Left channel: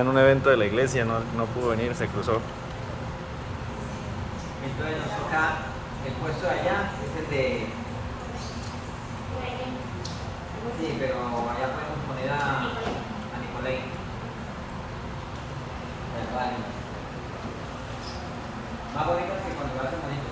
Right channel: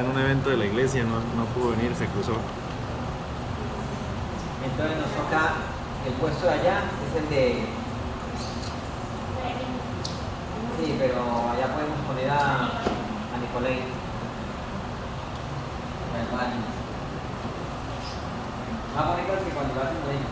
en un evento de la iglesia, no pudo venir, se cruzó. Entonces nos toca el puesto de allá, es el de... Sí, pero allá podemos poner a Nicolai. Al baño. Más bonito que cuando lo hacen bonito.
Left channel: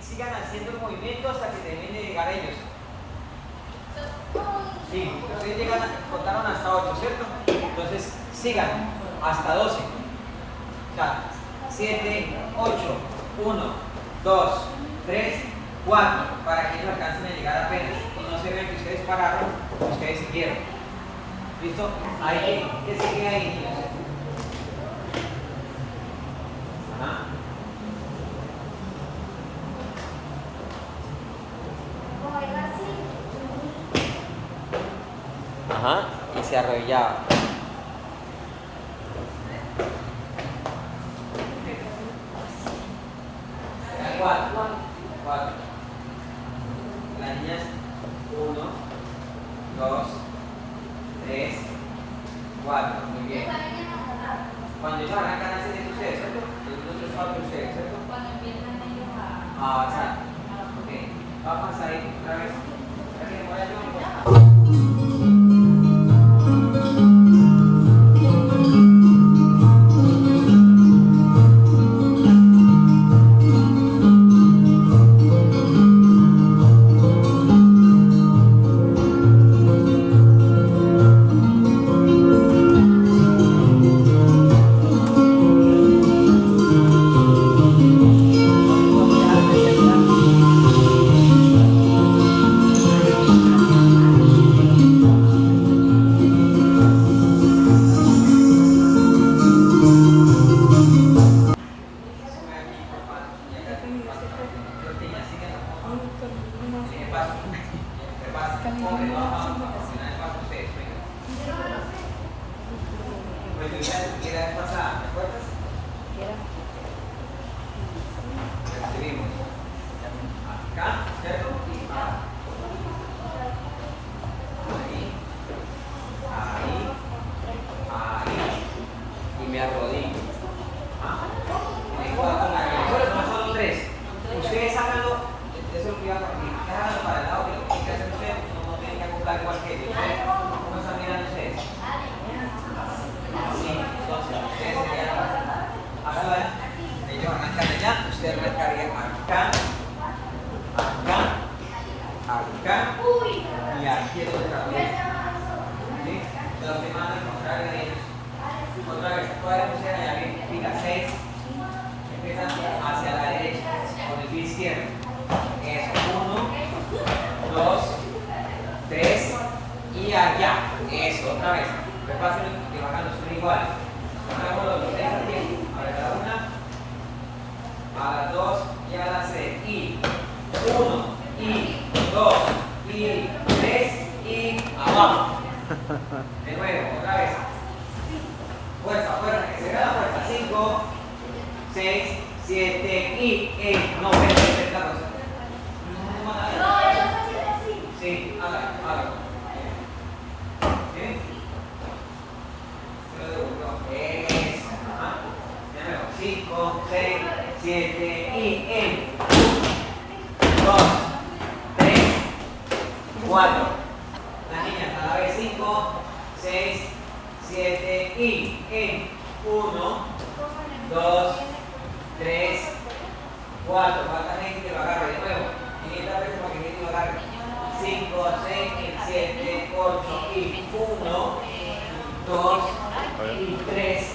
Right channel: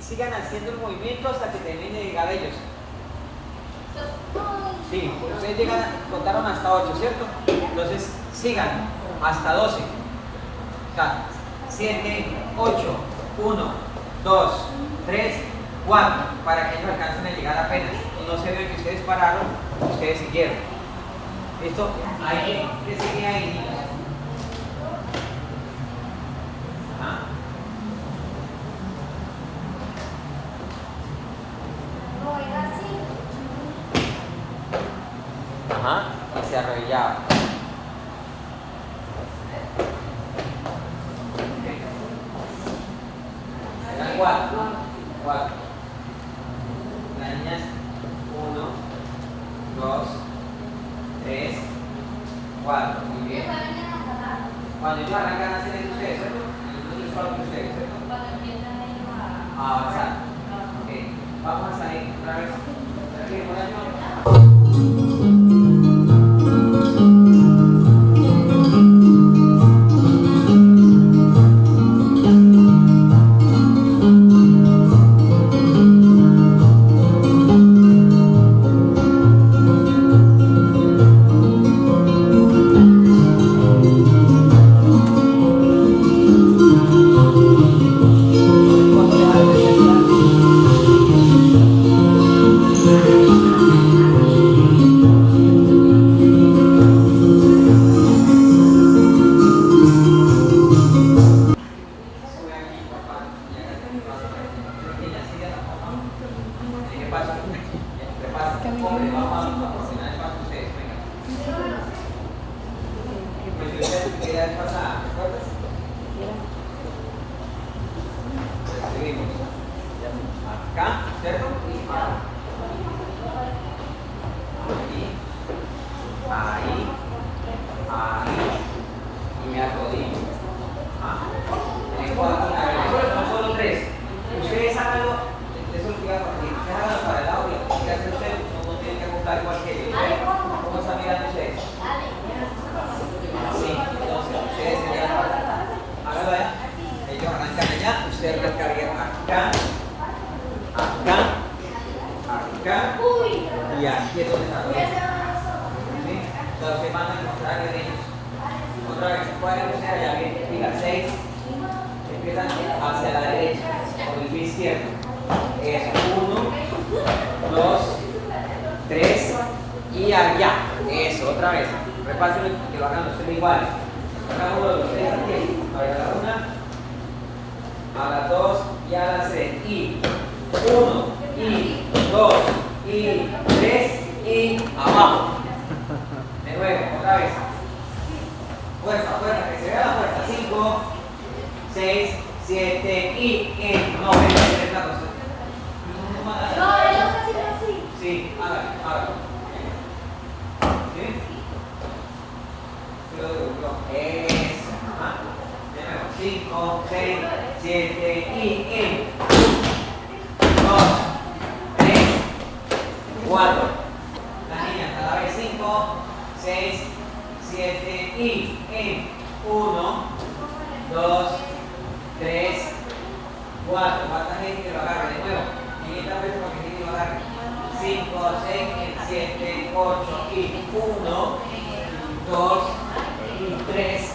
Sigan haciendo el movimiento hasta que termine de llegar ellos. Sí, ustedes llegan, contaron hasta 8, ¿cierto? Entonces sigan hasta 12. O sea, 7, 8, 1, 2, 3, 4, para que ellos alcancen a llegar apenas. Y no se vean que ustedes pararon, ustedes siguieron. ¿Listo? Ahí, ¿qué sigue ahí? Ajá. Ajá, y se arrodillaba. Eran 4. Las niñas, 1, 2, 3, 4. Muy bien. Cuando ellos arrancan a hacer eso, ustedes, ¿cierto? Entonces solo ustedes, ¿cierto? Ah, exacto. Ok. Vamos a ir otra vez. ¿Quieren poner yo? Pues yo ya te la vez pasada, ¿te acuerdas? Recibimos acá, ¿cierto? Y acá. Ahí, y me arrodillo. En el cuarto me arrodillo. Son solo tres. Ustedes háganlo, eso es lo que iba a partir. Ustedes háganlo para el audio. Lo que hacen ustedes, no tienen que acoplar igual que yo. ¿Cómo están mirando ustedes? Sí, entonces ustedes serían, háganlo allá. Ellos arrancan allá, usted arrancaría acá, acá, acá y aquí es donde está. ¿Sí? Entonces van a encontrar en ellos. Otra vez, pueden ustedes allá bien, fija 6, empiezan hacia la derecha, con el pie izquierdo. Es 1, 2, 3 y allá. Eso, otra vez. Repásenlo que lo hagan ustedes igual. Hagámoslo los tres al tiempo. A ver, a la 1, a las 2 y a las 3. Y 1, y 2, y 3 y abajo. De nuevo, otra vez. Fuerza, fuerza, que se vea la fuerza. 5, 6, 7 y no, ven, No, ellos así. sí, hágalo. ¿Sí? Se lo devolvió. Eso. De nuevo. 5, 6, 7 y 2, 3, 4. Las niñas a la vez. 5, 6, 7 y 1, 2, 3, 4. Falta gente que lo agarre de nuevo. 500 veces para que gente lo agarre. 5, 6, 7, 8 y 1, 2 y 3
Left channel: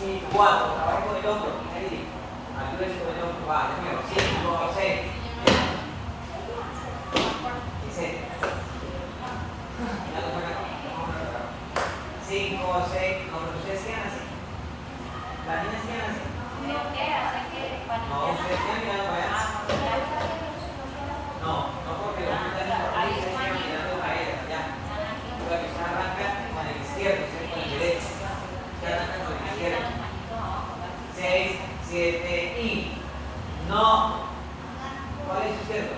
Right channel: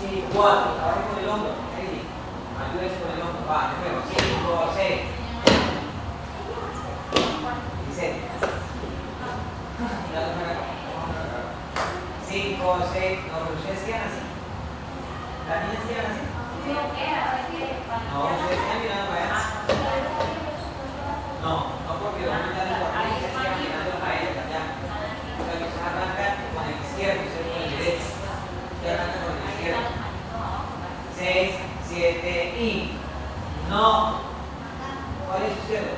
y 4. Trabaje con el hombro. Ayúdese con el hombro. Va, de nuevo. 5, 6 y 7. 5, 6. No, pero ustedes sigan así. Las niñas sigan así. No, ustedes sigan mirando para allá. No, porque los niños están ahí, ustedes sigan mirando a ellas. Ya. Entonces, ustedes arrancan con el izquierdo, ustedes con el derecho. Ustedes arrancan con el izquierdo. 6, 7 y. No. ¿Cuál es su izquierdo?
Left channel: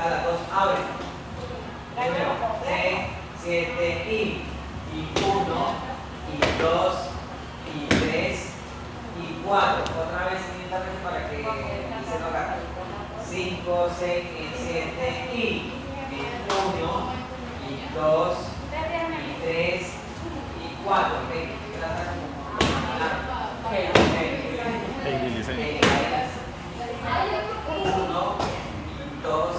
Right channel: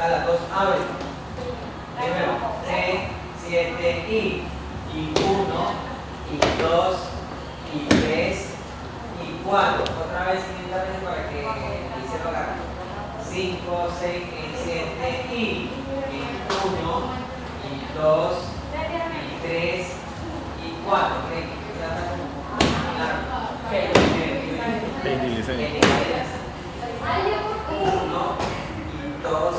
A las 2, abre. De nuevo. 6, 7 y 1, y 2, y 3, y 4. Otra vez 500 veces para que se lo agarre. 5, 6, 7 y 1, y 2, y 3, y 4. Hey, dilicen. 1, 2,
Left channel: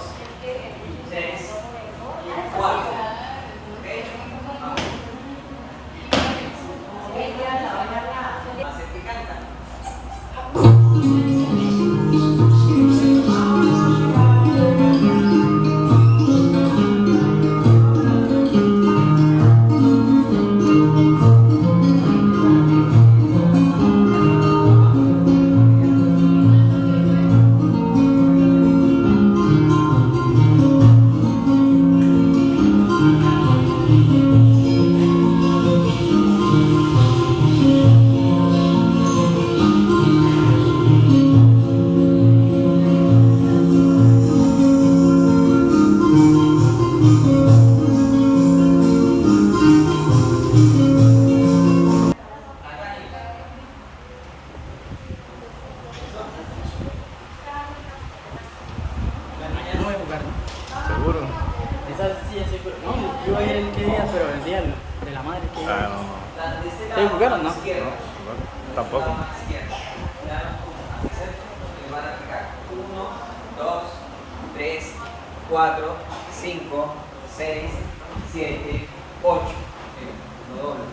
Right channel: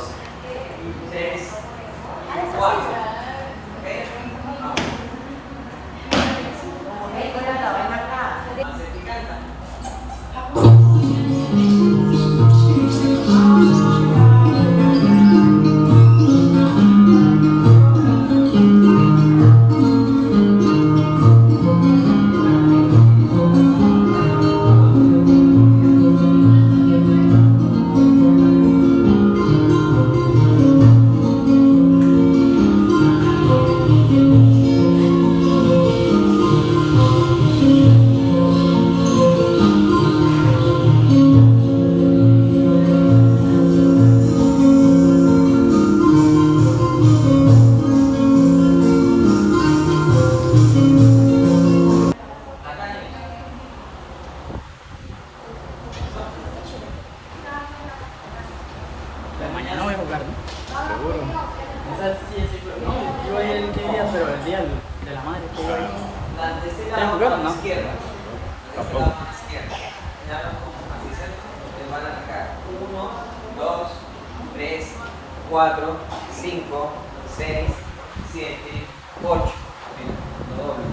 3, 4. No voy a jugar, ¿no? Seguro. Esa sí, yo es el día, pero el día de la madre. Ah, no. Las de este ¿Sí lado, jugaron, a la no? izquierda. Tampoco. A la izquierda. Ya como así se les van a arrancar. 1, 2, 3, 4, 5, 6, 7, 8. Mira, lo doble.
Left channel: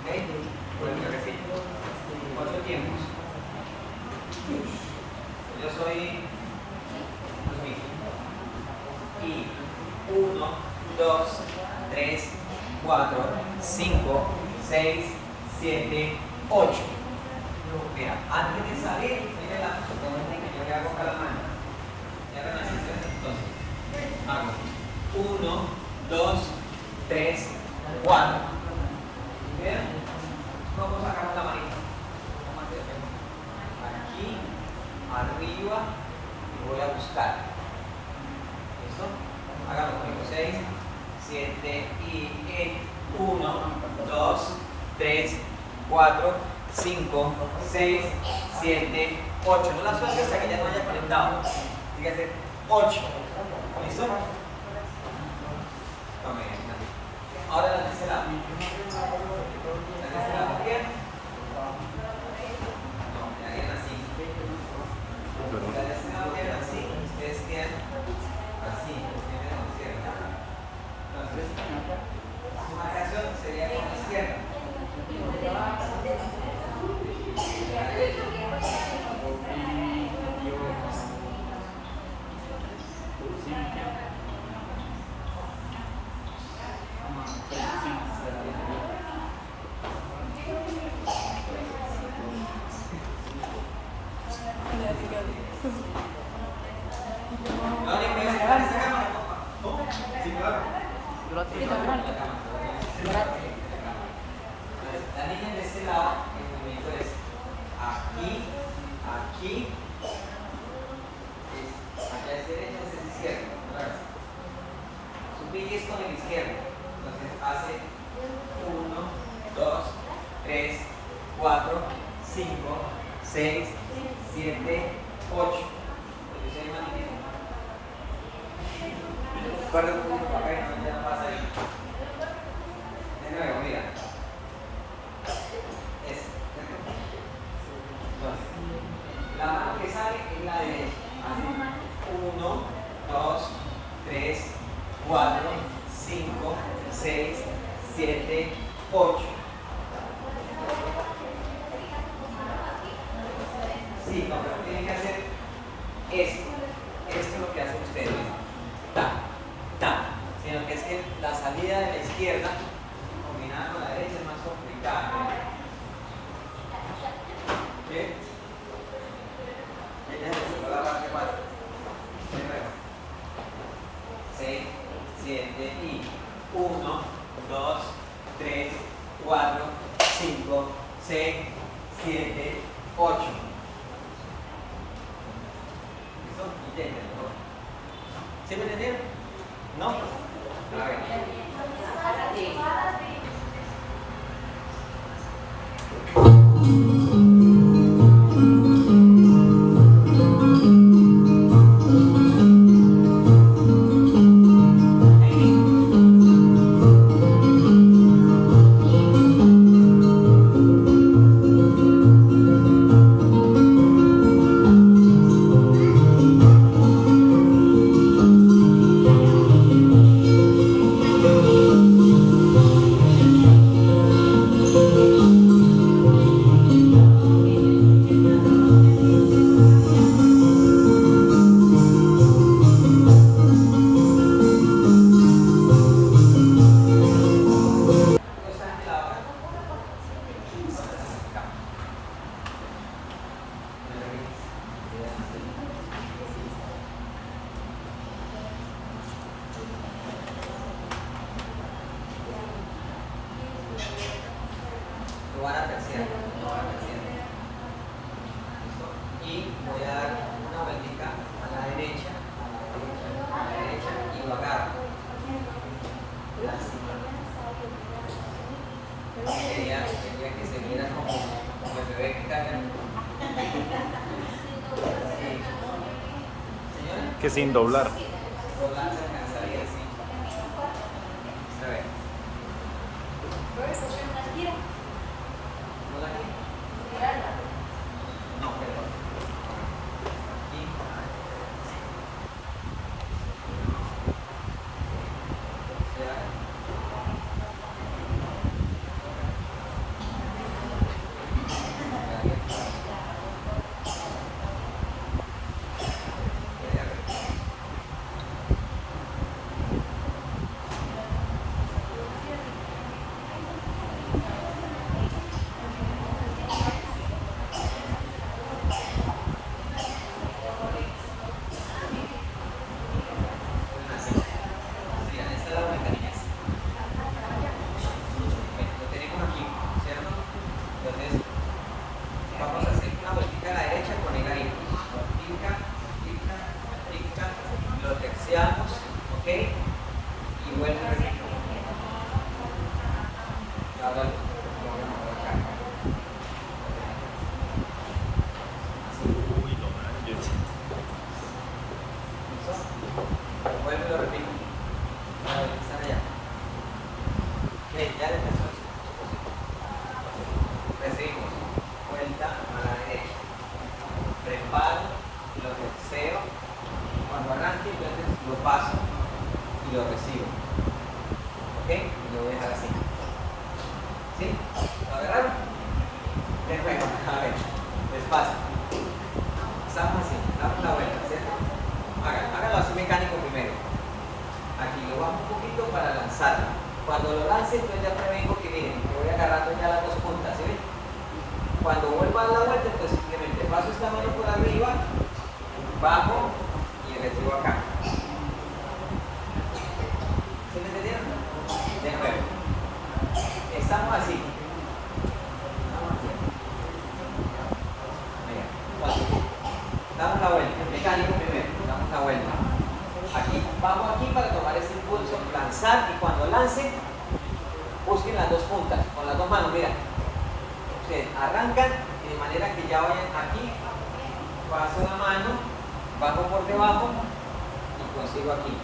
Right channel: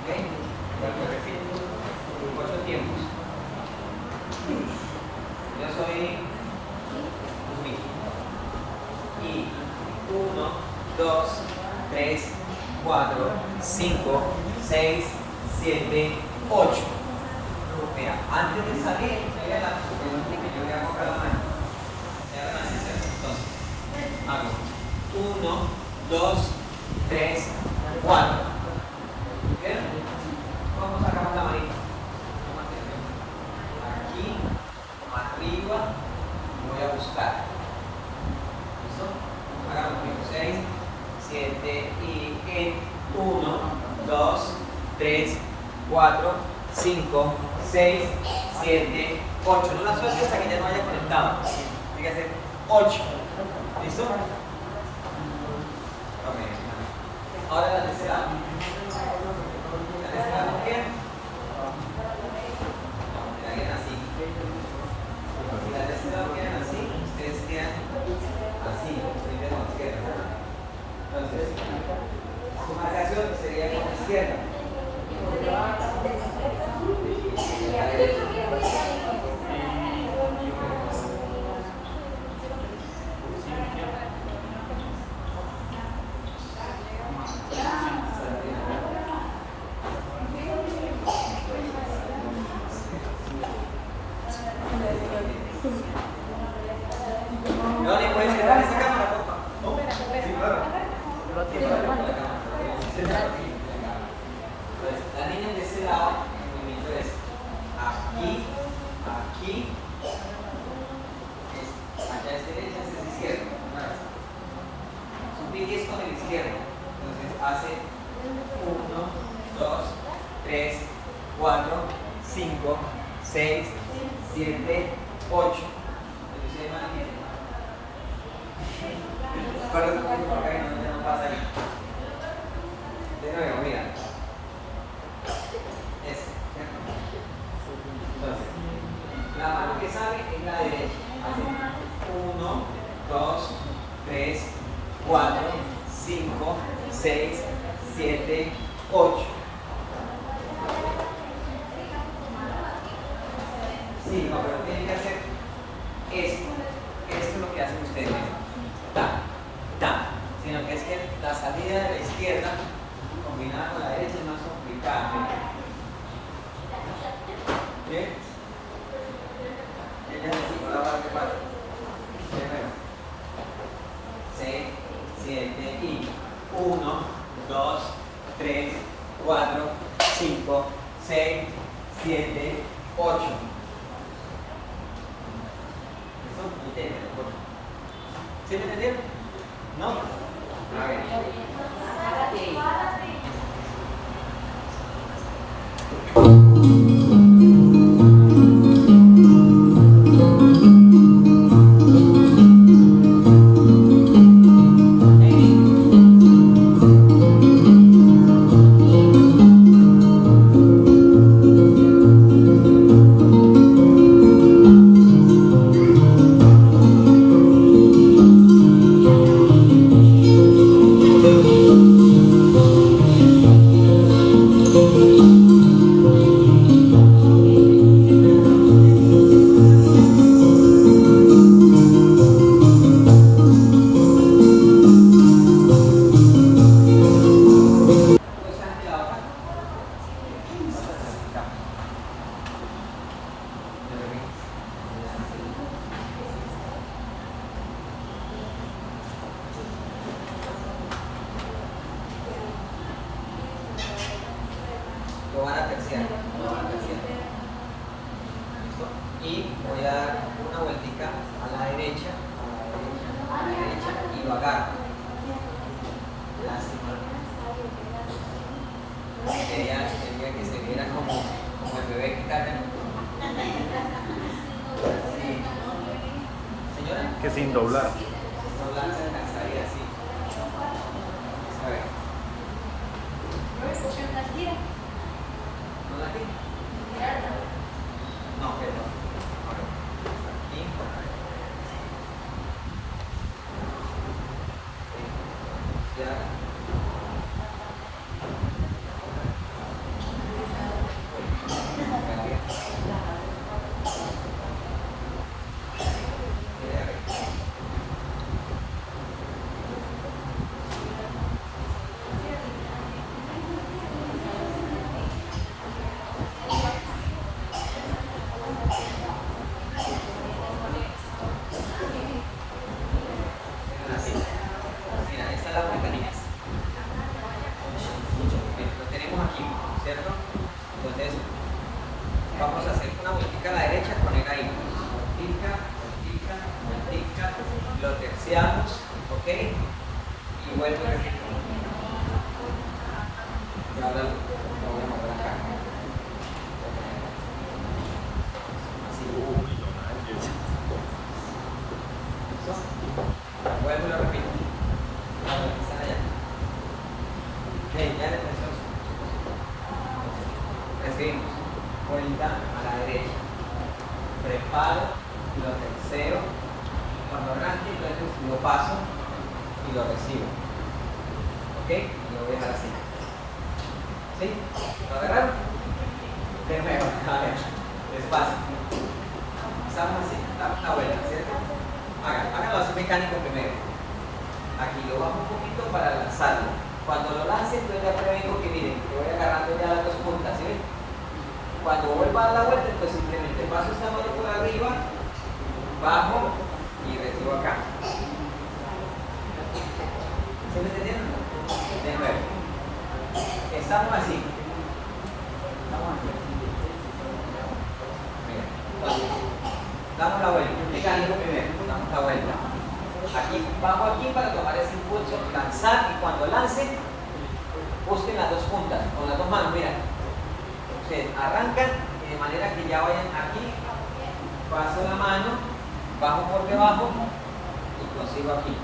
¿Ok? Vuelvo a repetir. 8 tiempos. Yo soy Luis. Y 1, 2, 3, 4, 5, 6, 7, 8. Mira, antes de salir, yo voy a colocar la mano. Y ahora así se hace. Entonces, hago 1, 2, 3, 4. ¿Bien? ¿Cómo sacamos la manita? Aquí, arriba, y voy a buscar. ¿Listo? Hagamos conmigo. 6, 7 y en 1, 2, 3, 4, 5, 6, 7, 8. No la suelte hasta que ya no haya conectado. Tiene que hacer 8. ¿Listo? Ahora la tercera lado. La tercera lado bien. Quedarían así. La tercera lado quedan así. Ustedes quedan así. Primero con la izquierda. Entonces, su marcación sería con la izquierda. No le puedes quedar esa cámara, porfa. ¿No? Sí, claro. La niña de ese lado, el movimiento es aquí, aquí, allá es derecha, esta es izquierda. Su pie es con el izquierdo. Entonces hace 1, 2, 3, 4, 5, 6, 7, 8. Entonces es más difícil. Para un poquito para acá y no pasa ahí. De nuevo, mira. Entonces, la mano que sale es la derecha. Así. 1, 2, 3, 4, 5, 6, 7, 8. Sí, no, pero tienen que hacer esto. Esto es lo que hacen ustedes. Sino que es que la salida de la izquierda combinada con la derecha es más complicada. ¿Qué? Ella necesita la barra de 4. 6, 7 y 1, 2, 3, 4, 5, 6, 7, 8. ¿Listo? ¿Sí me entendieron? ¿No? A ver. Lo van a terciar, ¿listo? Y voy a dar una vueltica a la derecha, y lo agarro. Lástima. Quería que se viera como el bebé que cargan. Sí. Señora. Que sin doblar. Doblar se alcanzaría así. A ver. ¿No la tiene? No, pero. Aquí. Se haga. balanceamos, ¿ok? Y vuelvo y repito. Y ahora lo voy a mover acá. Así. Uy, don Ángel. ¿Listo? Vuelvo y lo repito. A ver, están allá. Bien, ya empezó. Recibimos. Vuelta a la derecha. Preparo, lo tercero. Cuando arranque, entonces lo paso y lo recibo. ¿Ok? Lo voy a dejar así. ¿Sí? ¿Lo agarraron? De nuevo, a ver, despacio. Estamos así, damos la vuelta, ¿cierto? Háganlo así mecánico primero. Aquí lo bajo un poquito para lanzarlo. Cuando lo lance, entonces ya prevengo que miren, que voy agarrando ya las dos puntas, ¿sí ven? Cuando vuelva a dar la vuelta, entonces simplemente paso esta mano por arriba, bajo y recibo acá. ¿Sí me entendieron? De nuevo. Estamos así. Mira, damos la vuelta. Mecánico primero, damos la vuelta. Aquí, bajo aquí para tomar ese impulso, lanzar, y cuando lance, busquen las dos puntas, con las dos manos, mira. Ustedes arrancan de manera que ya vayan aquí, paso la mano, bajo por debajo y consigo aquí.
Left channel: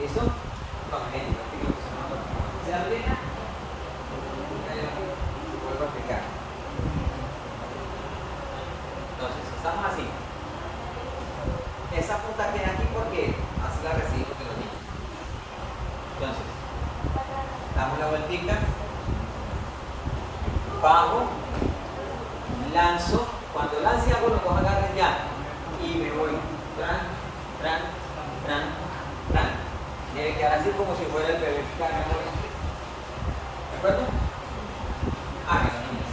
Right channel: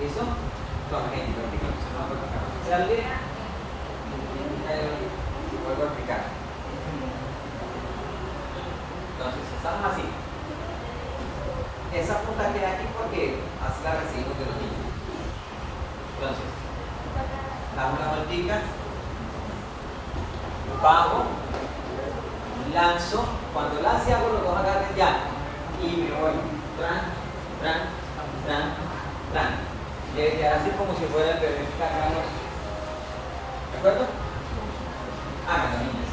¿Listo? Con ejemplo, aquí que se nos va a aplicar. ¿Se abre? Vuelvo a aplicar. Entonces, estamos así. Esa punta queda aquí porque así la recibimos de los niños. Entonces, damos la vueltica, bajo, lanzo. Cuando lance algo, los dos agarren ya y me voy. Tran, tran, tran, tran. Debe quedar así como si fuera el bebé cargando. ¿De acuerdo? Háganlo, niños.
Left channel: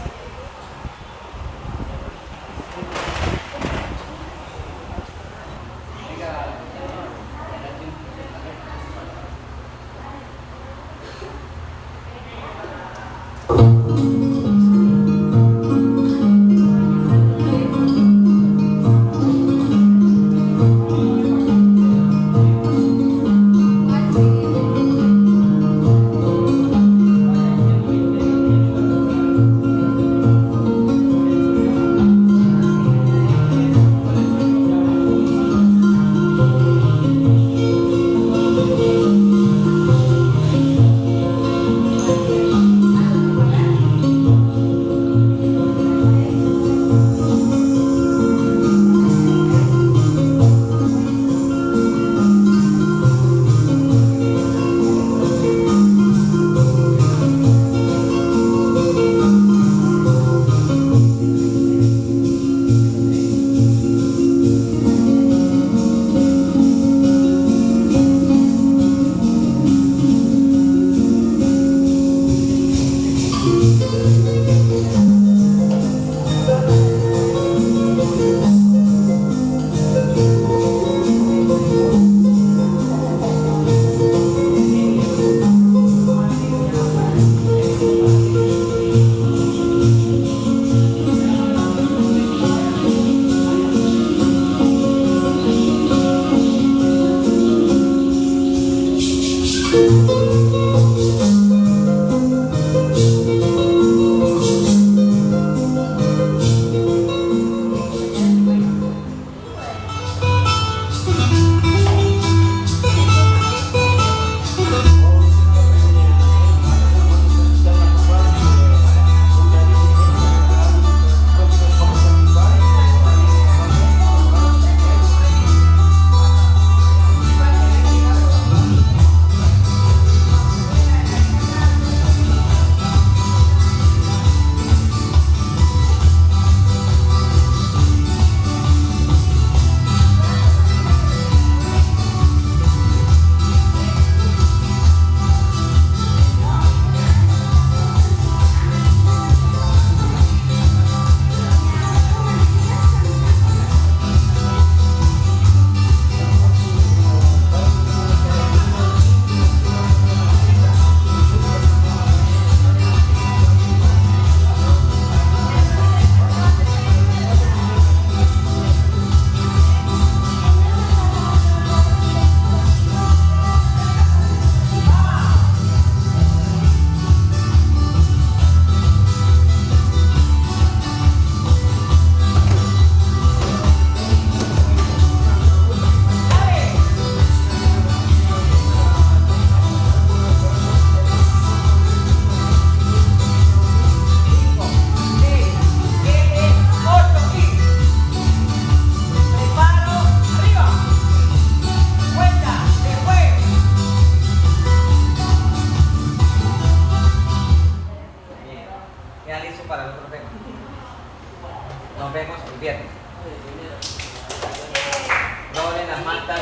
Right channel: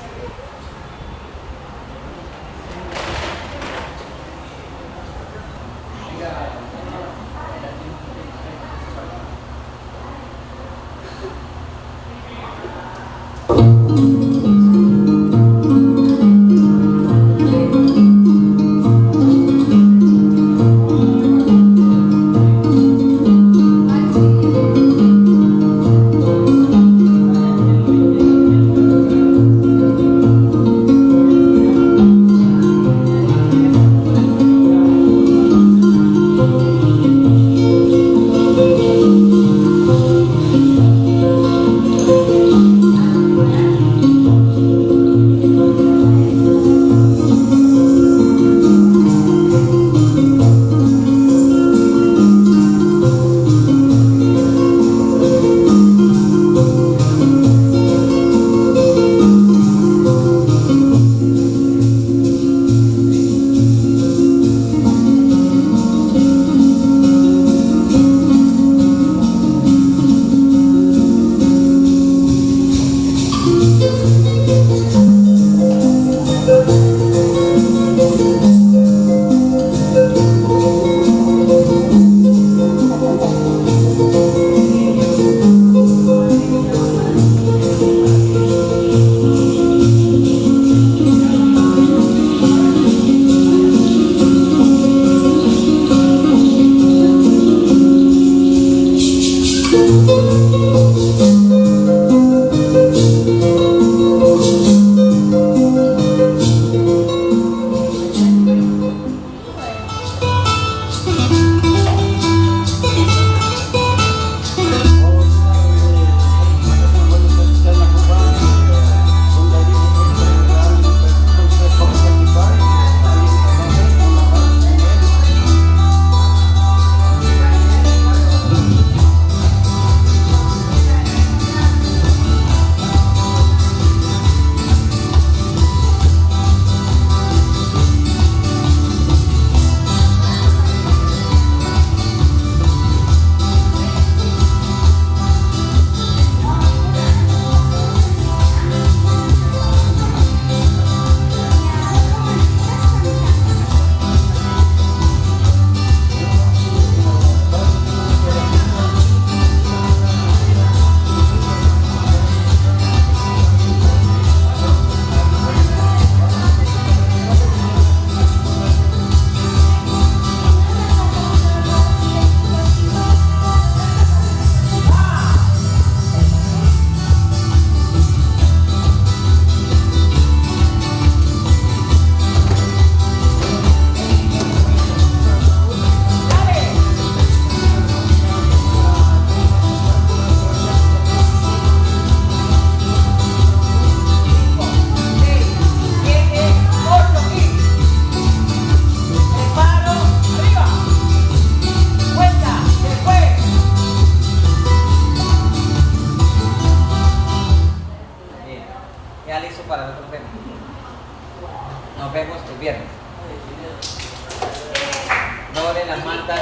en las mantas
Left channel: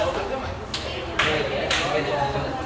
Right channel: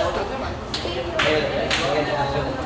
el